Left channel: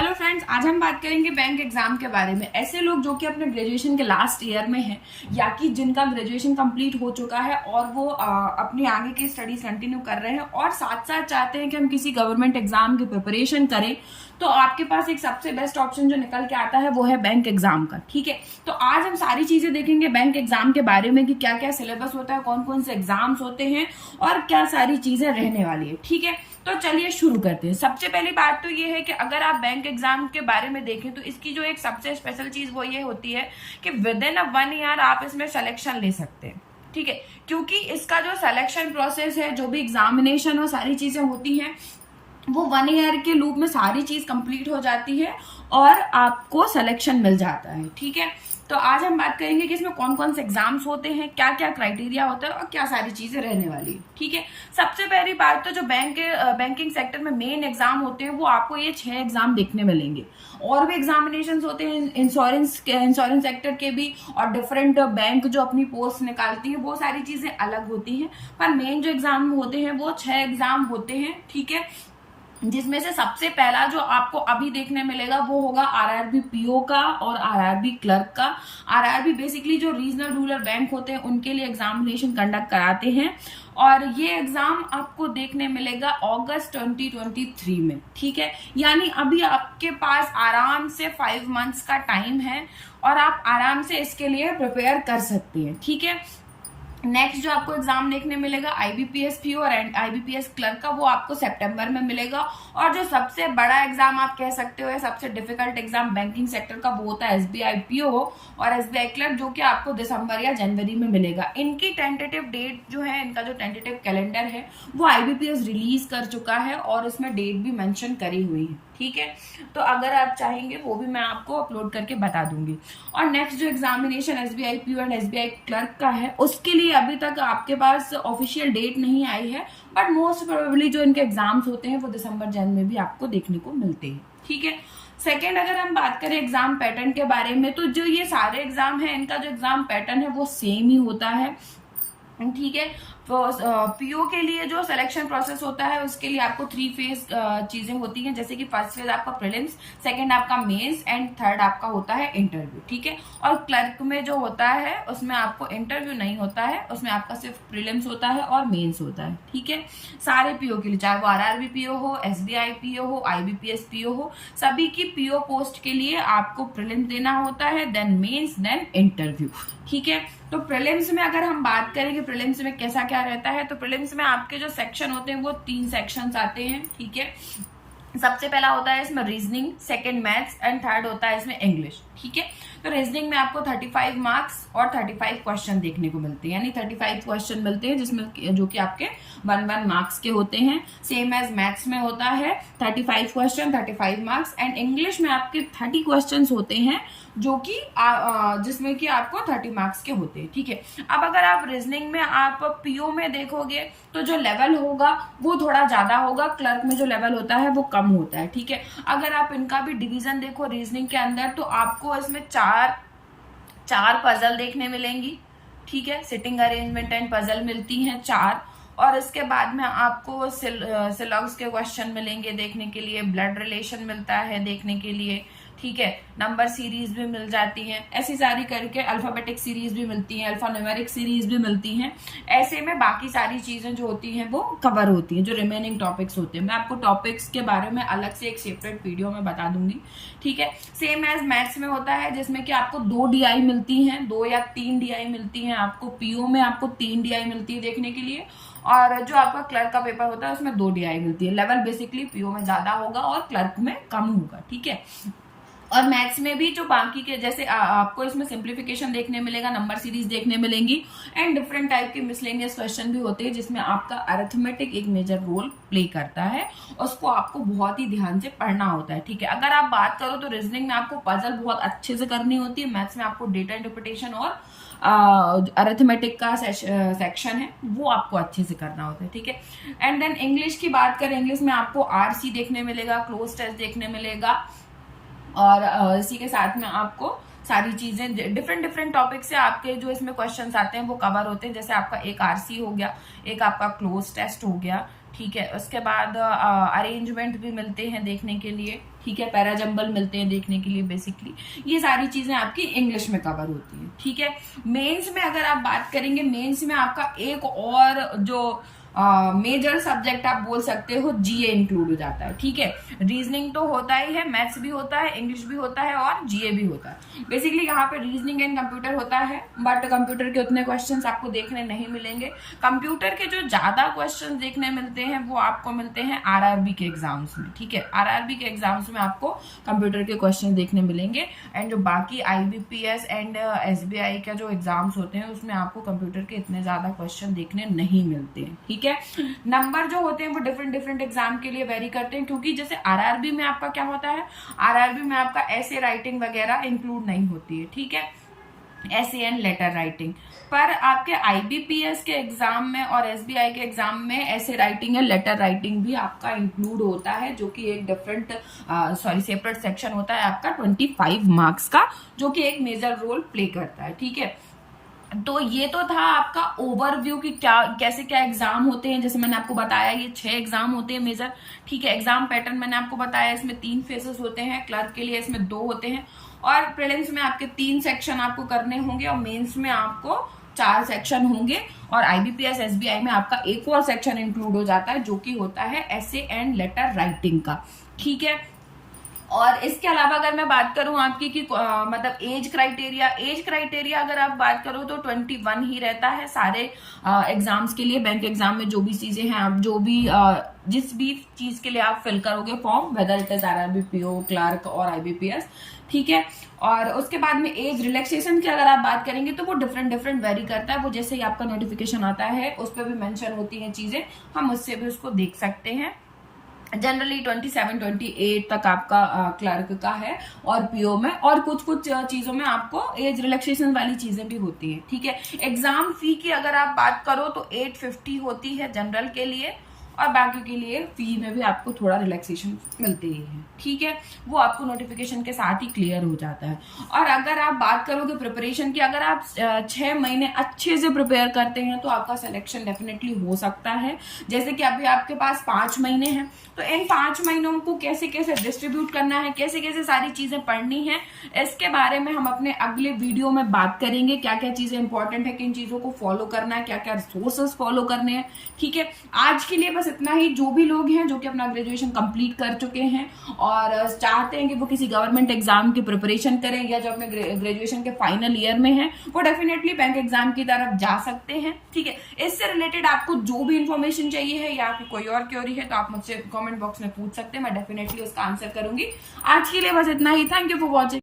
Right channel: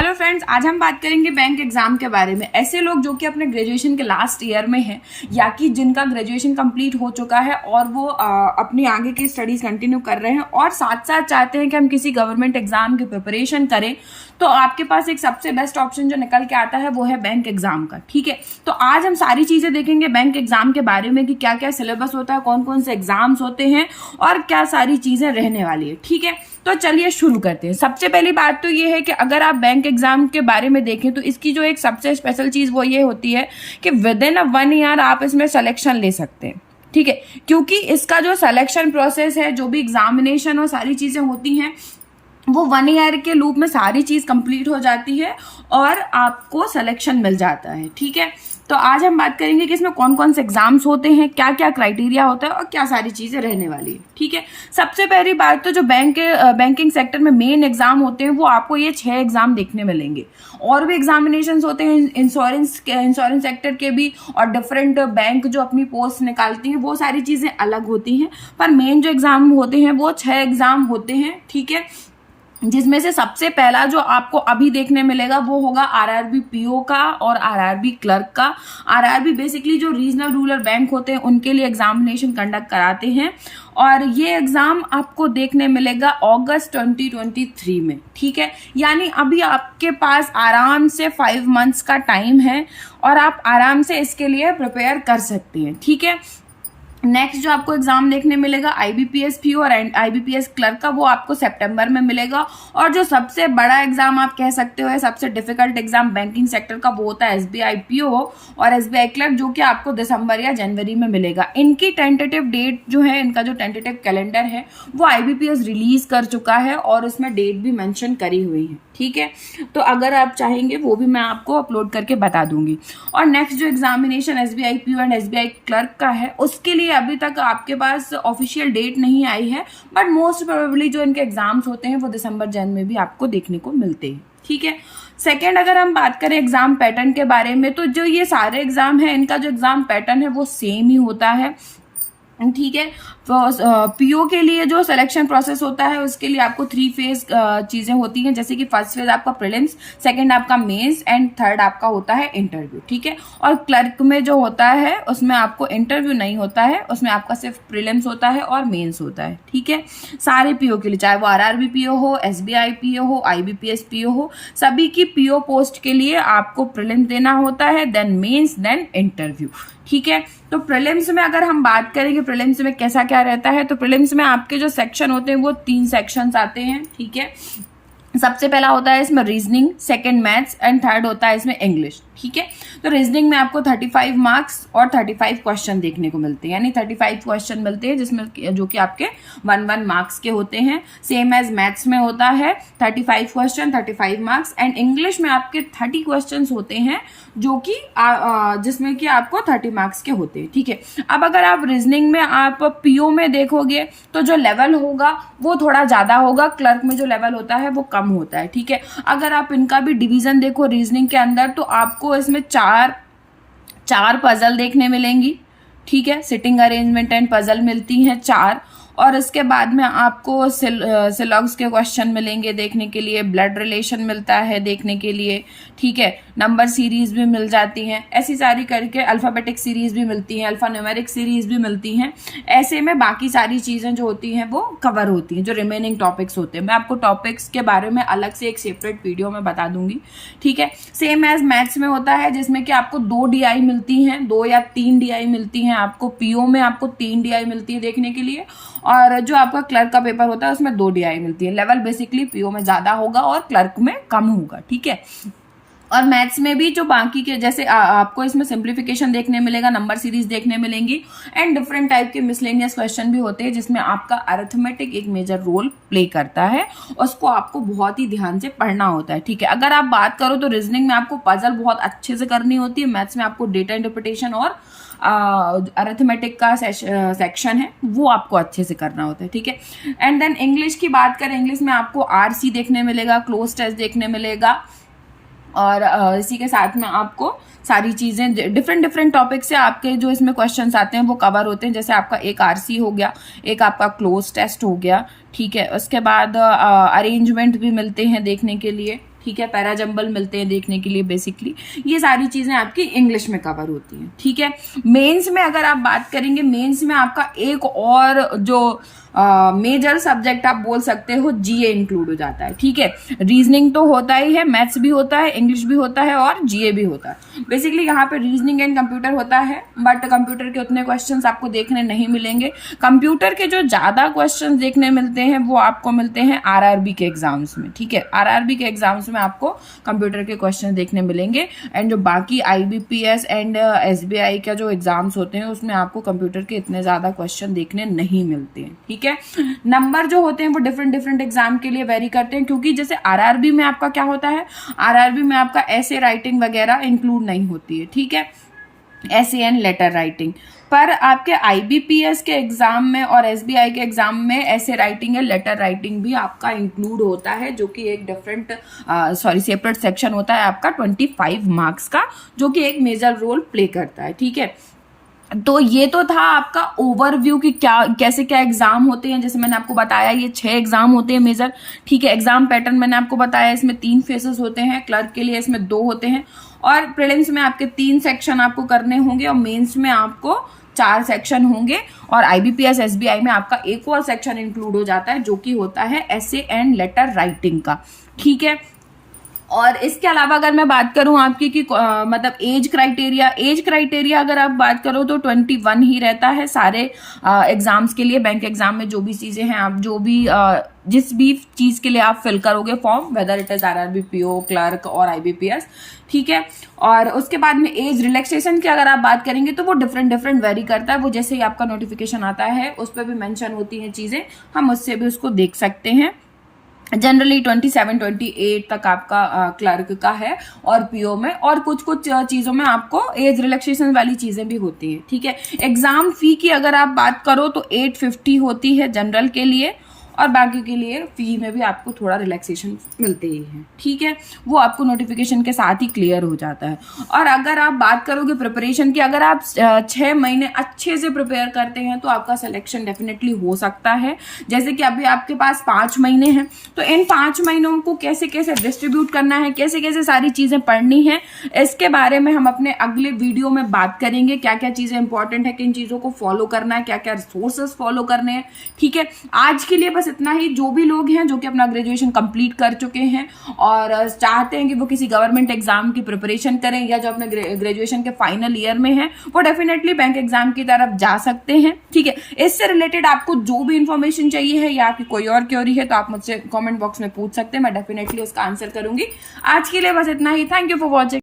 Hello friends, आज हम बात करेंगे बैंक एग्जाम के बारे में। ऐसे लोग जो कि अपने ग्रेजुएशन के लास्ट ईयर में हैं या कि जिनका ग्रेजुएशन कंप्लीट हो चुका है और वो अपनी आगे की स्टडीज कंटिन्यू कर रहे हैं और साथ साथ चाहते हैं कि हम किसी गवर्नमेंट एग्जाम की प्रिपरेशन करें, तो आपके पास एक सबसे बेस्ट ऑप्शन जो निकल के आता है वो है बैंक एग्जाम का। ठीक है, तो आज हम सारी चीजें देखेंगे बैंक एग्जाम के बारे में कि क्या क्या सिलेबस होता है, कौन कौन से एग्जाम्स होते हैं और क्या सारी चीजें रहने वाली है। ठीक है, तो चलिए शुरू करते हैं। सबसे पहली बात तो ये है कि अगर आप बैंक एग्जाम के बारे में देखें तो इसकी जो एक सबसे स्पेशल चीज वो ये होती है कि विद इन 1 ईयर आप इसमें सिलेक्शन ले सकते हैं। ठीक है, क्योंकि इसका जो सिलेक्शन प्रोसेस है, जो भी एग्जामिनेशन और सारी चीजें होती हैं, वो 1 ईयर के लूप में सारी चीज कंप्लीट हो जाती है और आपको सिलेक्शन मिल जाता है। ठीक है, तो आज हम बात करेंगे कि इसमें कौन कौन से एग्जाम्स होते हैं, क्या क्या क्राइटेरिया होता है और क्या सारी चीजें रहने वाली है। ठीक है, सबसे पहली बात तो जो बैंकिंग सेक्टर में मेन एग्जाम होते हैं वो आपको ये 6 एग्जाम देखने मिलेंगे। और भी एग्जामिनेशंस होते हैं इंश्योरेंस सेक्टर के भी, और डिफरेंट बैंक जो अपनी पोस्ट निकालती है वो सारी चीजें अलग होती हैं, पर मेन जो एग्जाम होते हैं वो 6 एग्जाम होते हैं। ठीक है, जिसमें से सबसे पहला जो आपको अभी देखने मिलेगा वो होगा आरआरबी पीओ का और आरआरबी क्लर्क का। आरआरबी बेसिकली जो रीजनल रूरल बैंक होते हैं उनके लिए एग्जामिनेशन कंडक्ट कराते हैं और ये एग्जाम आपको देखने मिलेगा अगस्त 2023 में। ठीक है, यानी अभी आपके पास आराम से 5 मंथ्स का टाइम है और आप आराम से इसके लिए प्रिपेयर कर सकते हैं। ठीक है, नेक्स्ट जो आपको एग्जाम देखने मिलेगा आईबीपीएस पीओ और आईबीपीएस क्लर्क का, वो आपको सितंबर में मिलेगा। और जो सबसे बड़ा एग्जाम आप कह सकते हो, सबसे डिफिकल्ट एग्जाम बैंकिंग सेक्टर का, वो होता है एसबीआई पीओ और एसबीआई क्लर्क, जो कि आपको दिसंबर या जनवरी में मिलेगा। इनकी टेंटेटिव डेट जो है, इनका जो टेंटेटिव कैलेंडर है वो आईबीपीएस रिलीज कर चुका है और इसमें डेट भी मेंशन करी हुई है। ठीक है, तो अगर आप चाहेंगे वो भी मैं आपको अपलोड करके बता दूंगी। और नेक्स्ट जो examination SBI PO and SBI clerk का है, उसके लिए अभी तक आपके पास ऑफिशियल डेट नहीं आई है, बट मोस्ट प्रोबेबली जो इनके एग्जाम्स होते हैं वो दिसंबर जन में भी आपको देखने को मिलते हैं। ठीक है, सेकेंड अगर हम बात करें एग्जाम पैटर्न के बारे में, तो जो ये सारे एग्जाम है इनका जो एग्जाम पैटर्न है वो सेम ही होता है। ठीक है, तो पीओ के लिए जो सिलेक्शन प्रोसेस होता है उसके लिए आपको 3 फेज चीजें होती हैं, जैसे कि फर्स्ट फेज आपका प्रीलिम्स, सेकंड आपका मेंस एंड थर्ड आपका होता है इंटरव्यू। ठीक है, और क्लर्क में जो होता है उसमें आपको इंटरव्यू नहीं होता है, उसमें आपका सिर्फ प्रीलिम्स होता है और मेंस होता है। ठीक है, सारे पीओ के लिए, चाहे वो आरआरबी पीओ हो, एसबीआई पीओ हो, आईबीपीएस पीओ हो, सभी की पीओ पोस्ट के लिए आपको प्रीलिम्स देना होता है, देन मेंस, देन इंटरव्यू। ठीक है, तो प्रीलिम्स में अगर हम बात करेंगे प्रीलिम्स में कैसा क्या रहता है, तो प्रीलिम्स में आपके जो सेक्शन होते हैं वो 3 सेक्शंस आते हैं। ठीक है, सबसे पहला होता है इसमें reasoning, second maths and third होता है इसमें इंग्लिश। ठीक है, तो रीजनिंग में आपको 35 मार्क्स और 35 क्वेश्चन देखने को मिलते हैं, यानी 35 क्वेश्चन मिलते हैं जिसमें जो कि आपके 1 मार्क्स के होते हैं। सेम एज मैथ्स में होता है 35 क्वेश्चन 35 मार्क्स, एंड इंग्लिश में आपके 30 क्वेश्चन होते हैं जो कि जिसमें कि आपको 30 मार्क्स के होते हैं। ठीक है, अब अगर आप रीजनिंग में आप पीओ में देखोगे तो जो लेवल होगा वो थोड़ा ज्यादा होगा, क्लर्क में जो लेवल होता है वो कम होता है। ठीक है, अगर आप इनका भी डिवीजन देखो रीजनिंग के अंदर, तो आपको इसमें चार पजल देखने मिलेंगी। ठीक है, सिटिंग अरेंजमेंट एंड पजल मिलती हैं 4, और इसके बाद में आपको सिलॉग्स के क्वेश्चन मिलेंगे देखने के लिए, ब्लड रिलेशन मिलता है देखने के लिए। ठीक है, नंबर सीरीज भी मिल जाती हैं, ऐसी सारी करके अल्फाबेटिक सीरीज भी मिलती हैं, अल्फा न्यूमेरिक सीरीज भी मिलती हैं। ऐसे में बाकी सारी चीजें जो होती हैं वो कवर होती हैं, जो रिमेनिंग टॉपिक्स होते हैं। मैं आपको टॉपिक्स के बारे में अलग से एक सेपरेट वीडियो में बता दूंगी। ठीक है, सेम एज मैथ्स में होता है जिसमें कि आपको 2 DI मिलती हैं, 2 या 3 DI मिलती हैं आपको। पीओ में आपको 3 DI मिलती है देखने के लिए, और जो आपका क्लर्क का पेपर होता है उसमें 2 DI मिलती है। लेवल बेसिकली पीओ में ज्यादा होगा और क्लर्क में कम होगा। ठीक है, और मैथ्स में भी जो बाकी के जैसे आपको इसमें सिंप्लीफिकेशन देखने मिलेगा, नंबर सीरीज देखने मिलेंगी, एंड डिफरेंट टाइप के मिसलेनियस क्वेश्चन भी होते हैं जिसमें आपका अरिथमेटिक एक मेजर रोल प्ले करता है, उसको आपको बहुत ही ध्यान से पढ़ना होता है। ठीक है, अगर आप बात करो तो रीजनिंग में आपको पजल बहुत अच्छे से करनी होती है, मैथ्स में आपको डेटा इंटरप्रिटेशन और अरिथमेटिक का सेक्शन है वो आपको अच्छे से करना होता है। ठीक है, एंड देन इंग्लिश की बात करें, इंग्लिश में आपको आरसी देखने मिलेगा, क्लोज टेस्ट देखने मिलेगा, और इसी के साथ में आपको सारी चीजें डिफरेंट टॉपिक से आपके जो इसमें क्वेश्चंस आते हैं वो कवर होते हैं। जैसे आपका एक आरसी हो गया, एक आपका क्लोज टेस्ट हो गया। ठीक है, उसके बाद अरेंजमेंट भी मिलते हैं देखने के लिए। ठीक है, पैराजम्बल मिलते हैं देखने के लिए बेसिकली। ये सारी चीजें आपकी इंग्लिश में कवर होती हैं, ठीक है। मेंस में अगर आप बात करेंगे, मेंस में आपका एक और जो मेजर सब्जेक्ट आप बोल सकते हो जीए इंक्लूड हो जाता है, ठीक है। रीजनिंग तो होता ही है, मैथ्स भी होता है, इंग्लिश भी होता है और जीए भी होता है। बेसिकली यहाँ पे रीजनिंग एंड कंप्यूटर होता है, बट कंप्यूटर के उतने क्वेश्चंस आपको देखने नहीं मिलेंगे। कंप्यूटर के जो ज्यादा क्वेश्चंस देखने मिलते हैं वो आपको मिलते हैं आरआरबी के एग्जाम्स में, ठीक है। आरआरबी के एग्जाम्स में आपको कंप्यूटर के क्वेश्चन देखने मिलेंगे, एंड जो बाकी आईबीपीएस एंड एसबीआई का जो एग्जाम्स होते हैं उसमें आपको कंप्यूटर के इतने ज्यादा क्वेश्चन देखने नहीं मिलते हैं, ठीक है। नंबर जो होते हैं वो डिफरेंट डिफरेंट एग्जाम के लिए वेरी करते हैं, क्योंकि जैसे आरआरबी में आपका क्या होता है, आरआरबी में आपका ऐसे राइटिंग वगैरह इंक्लूड नहीं होती है, ठीक है, ऐसे एंड लेटर राइटिंग। पर आपके आईबीपीएस के एग्जाम में और एसबीआई के एग्जाम में ऐसे राइटिंग या लेटर राइटिंग भी आपका इंक्लूड होता है, जो कि एक डिफरेंट सेपरेट सेक्शन होता है आपका 25 मार्क्स का, जो कि एक मेजर रोल प्ले करता है, ठीक है। तो ये तो था आपका ओवरव्यू कि क्या कैसे क्या एग्जाम होते हैं। जैसे मैंने आपको बताया ये 6 एग्जाम होते हैं मेजर, ठीक है। एग्जाम पैटर्न मैंने आपको बताया, इसमें 3 फेजेस होते हैं, क्लर्क के लिए इसमें 2 होते हैं, और प्रीलिम्स में आपके 3 सेक्शन आपको करने होंगे, और मेंस में आपको 4 सेक्शन होंगे, और आईबीपीएस एसबीआई में आपका एक और सेक्शन इंक्लूड हो जाता है जो कि होता है ऐसे एंड लेटर राइटिंग का, ठीक है। और इसके अलावा अगर मैं बात करूं आपकी कि मतलब एज क्राइटेरिया अगर आप बात करो तो 21 ही रहता है सारे एग्जाम्स के लिए। बैंक एग्जाम में जो भी चीजें हैं, आप जो भी जिस भी चीज के लिए आप फिल करोगे form, whether it is RRB, PO, clerk और आईबीपीएस, ठीक है। और उसके बाद में एज रिलैक्सेशन की अगर आप बात करेंगे तो वो डिफरेंट वेरी करता है, वो जैसे ही आपका नोटिफिकेशन आता है उस पर भी मेंशन होती हैं चीजें, हम उससे भी उसको देख सकते हैं। जनरली 27-28 तक आपका क्लर्क का है, और पीओ में और कुछ चीजों में आपको एज रिलैक्सेशन वाली चीजें भी होती है, ठीक है। एग्जाम फी की अगर आप बात करो तो 850 होती है जनरल के लिए, और बाकी के लिए फी में भी आपको थोड़ा रिलैक्सेशन मिलते ही है, ठीक है। वो आपको नोटिफिकेशन के साथ ही क्लियर हो जाता है। और अगर आप बात करोगे प्रिपरेशन की, अगर आप 6 महीने अच्छे से प्रिपेयर करते हैं तो आपका सिलेक्शन डेफिनेटली हो सकता है। जैसे कि अभी आपके पास 5 महीने हैं, तो इन 5 महीनों को कैसे कैसे डिस्ट्रीब्यूट करना है, कैसे कैसे सारी चीजें पढ़नी है, इसके बारे में हम अपने अगले वीडियो में बात करेंगे। क्या क्या चीजें इंपॉर्टेंट है, किन चीजों को फॉलो करना है, क्या क्या रिसोर्सेज फॉलो करने हैं, ठीक है। आज के लिए बस इतना ही। जो भी लोग हैं जो कि अपना ग्रेजुएशन कंप्लीट कर चुके हैं और चाहते हैं कि वो किसी गवर्नमेंट एग्जाम की प्रिपरेशन करें, या जो अपने ग्रेजुएशन के फाइनल ईयर में हैं, वो डेफिनेटली बैंक एग्जाम की तरफ जा सकते हैं, ठीक है। इससे रिलेटेड आपको जो भी इंफॉर्मेशन चाहिए है या आपकी कोई और क्वेरी है तो आप मुझसे कमेंट बॉक्स में पूछ सकते हैं, मैं डेफिनेटली उसका आंसर करूंगी। आज के लिए बस इतना ही। Thank you for watching.